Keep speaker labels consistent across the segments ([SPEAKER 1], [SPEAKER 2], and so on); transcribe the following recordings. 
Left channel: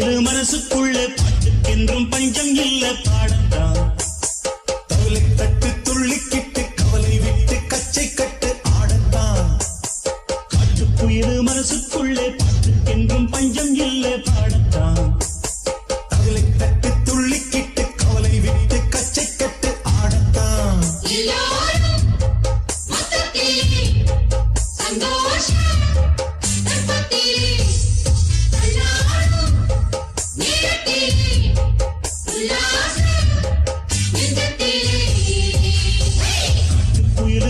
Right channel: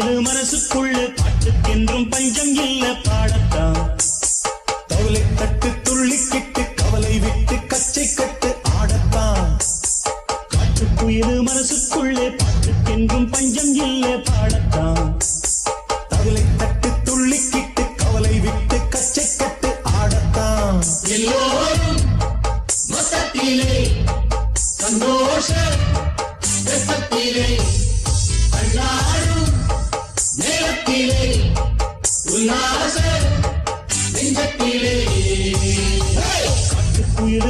[SPEAKER 1] பாட்டுக்கென்றும் பஞ்சம் இல்ல பாடத்தான்.
[SPEAKER 2] தவளை தட்டு துள்ளிக்கிட்டு கவலை விட்டு கச்சை கட்டு ஆடத்தான்.
[SPEAKER 1] காட்டுக்குயிரு மனசுக்குள்ளே பாட்டுக்கென்றும் பஞ்சம் இல்ல பாடத்தான்.
[SPEAKER 2] தவளை தட்டு துள்ளிக்கிட்டு கவலை விட்டு கச்சை கட்டு ஆடத்தான்.
[SPEAKER 3] எல்லோரும்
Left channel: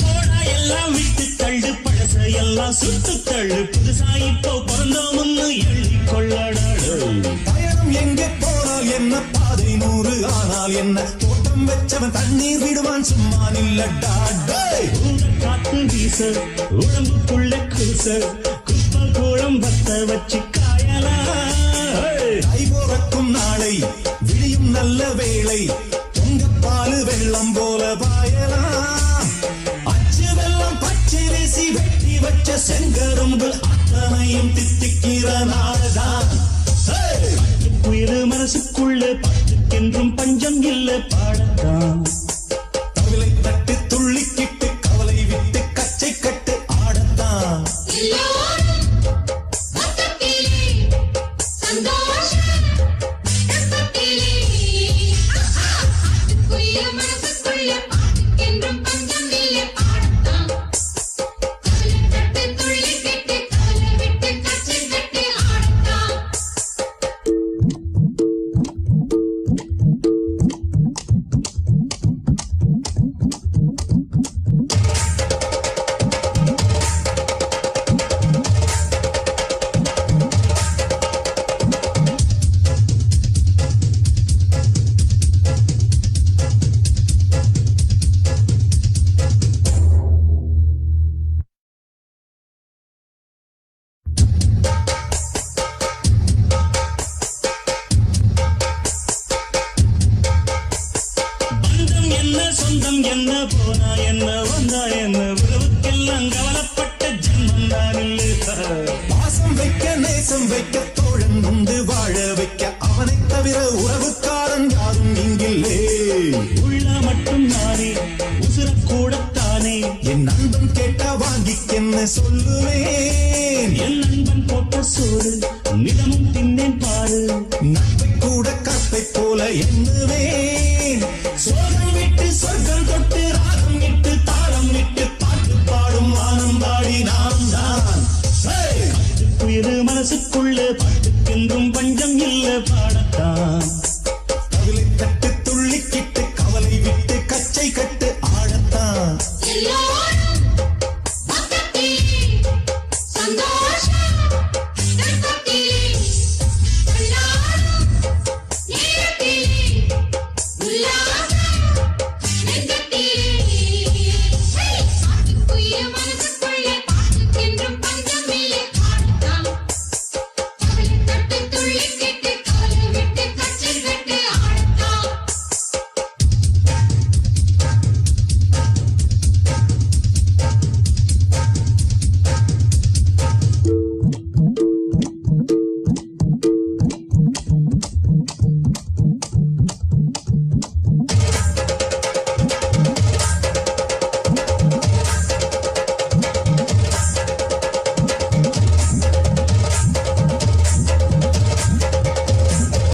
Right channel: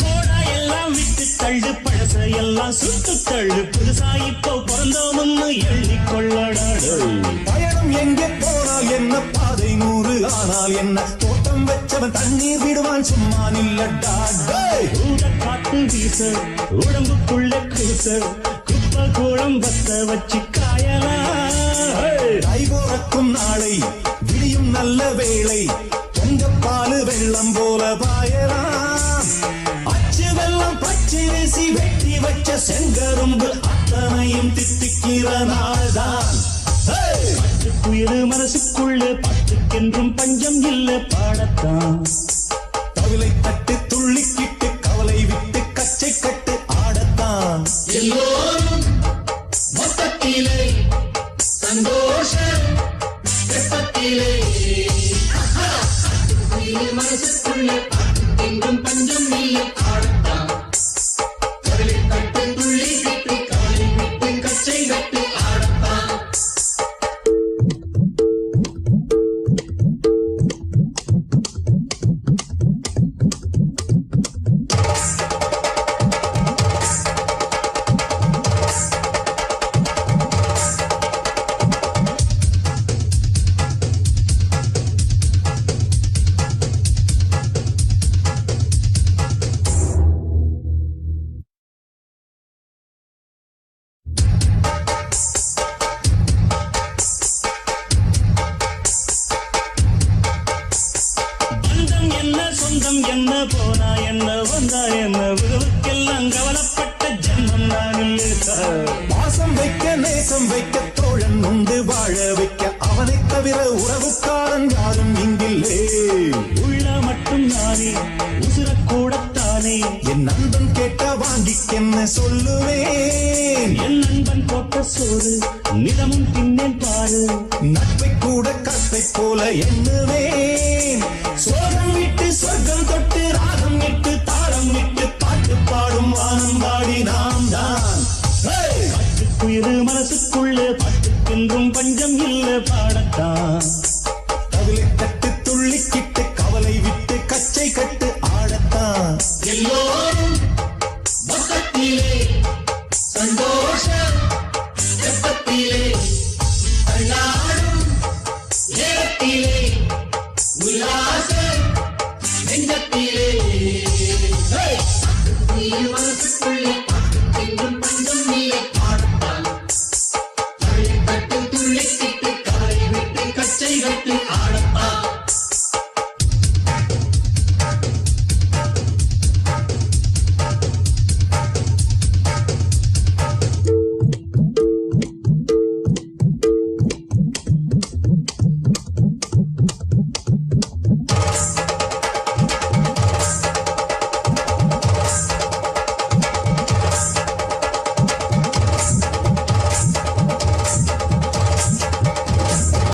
[SPEAKER 1] போடா எல்லாம் விட்டு தள்ளு பழச எல்லாம் சுட்டு தள்ளு. புதுசா இப்போ பிறந்தோம்னு எண்ணிக்கொள்ளடாடு
[SPEAKER 2] பயணம் எங்கே போனால் என்ன? பாதை நூறு ஆனால் என்ன? தோட்டம் வச்சவன் தண்ணீர் விடுவான் சும்மா நில்லடா
[SPEAKER 1] காத்து வீச உடம்புக்குள்ள கூச. குப்பை கூடம் பத்த வச்சு காயலாம்
[SPEAKER 2] கை போறக்கும் நாளை விடியும் நல்ல வேளை. பொங்க பாலு வெள்ளம் போல பாயலாம் பச்சரிசி வெட்டி வச்ச செங்கரும்பு அத்தனையும் தித்திக்கிற நாள்தான். ஹே!
[SPEAKER 1] மனசுக்குள்ள பாட்டுக்கென்றும் பஞ்சம் இல்ல பாடத்தான்.
[SPEAKER 2] தவிலை தட்டு துள்ளிக்கிட்டு கவலை விட்டு கச்சை கட்டு ஆடத்தான்.
[SPEAKER 3] எல்லோரும் பாட்டுக்கென்றும் பஞ்சம் இல்லை பாடத்தான்.
[SPEAKER 1] சொந்தம் என்ன போனா என்ன வந்தா என்ன? உறவுக்கெல்லாம் கவலைப்பட்ட ஜென்மம் தான் இல்லை.
[SPEAKER 2] பாசம் வைக்க நேசம் வைக்க தோழன் உண்டு வாழ வைக்க. அவனைத் தவிர உறவுக்காரன் யாரும் இங்கில்லே.
[SPEAKER 1] உள்ள மட்டும் நானே உசுரக்கூடத்தானே
[SPEAKER 2] என் நண்பன் கேட்டா வாங்கிக்கென்ன சொல்லுவேன்?
[SPEAKER 1] என் நண்பன் போட்ட சோறு நிதமும் தின்னேன் பாரு.
[SPEAKER 2] நட்பை கூட கற்பை போல எண்ணுவேன். சோகம் விட்டு சொர்க்கம் தொட்டு ராகம் இட்டு தாளம் இட்டு பாட்டு பாடும் வானம் பாடி நாம் தான் Hey!
[SPEAKER 1] குயிரு மனசுக்குள்ளே பாட்டுக்கென்றும் பஞ்சம் இல்ல பாடத்தான்.
[SPEAKER 2] தவிலை தட்டு துள்ளிக்கிட்டு கவலை விட்டு கச்சை கட்டு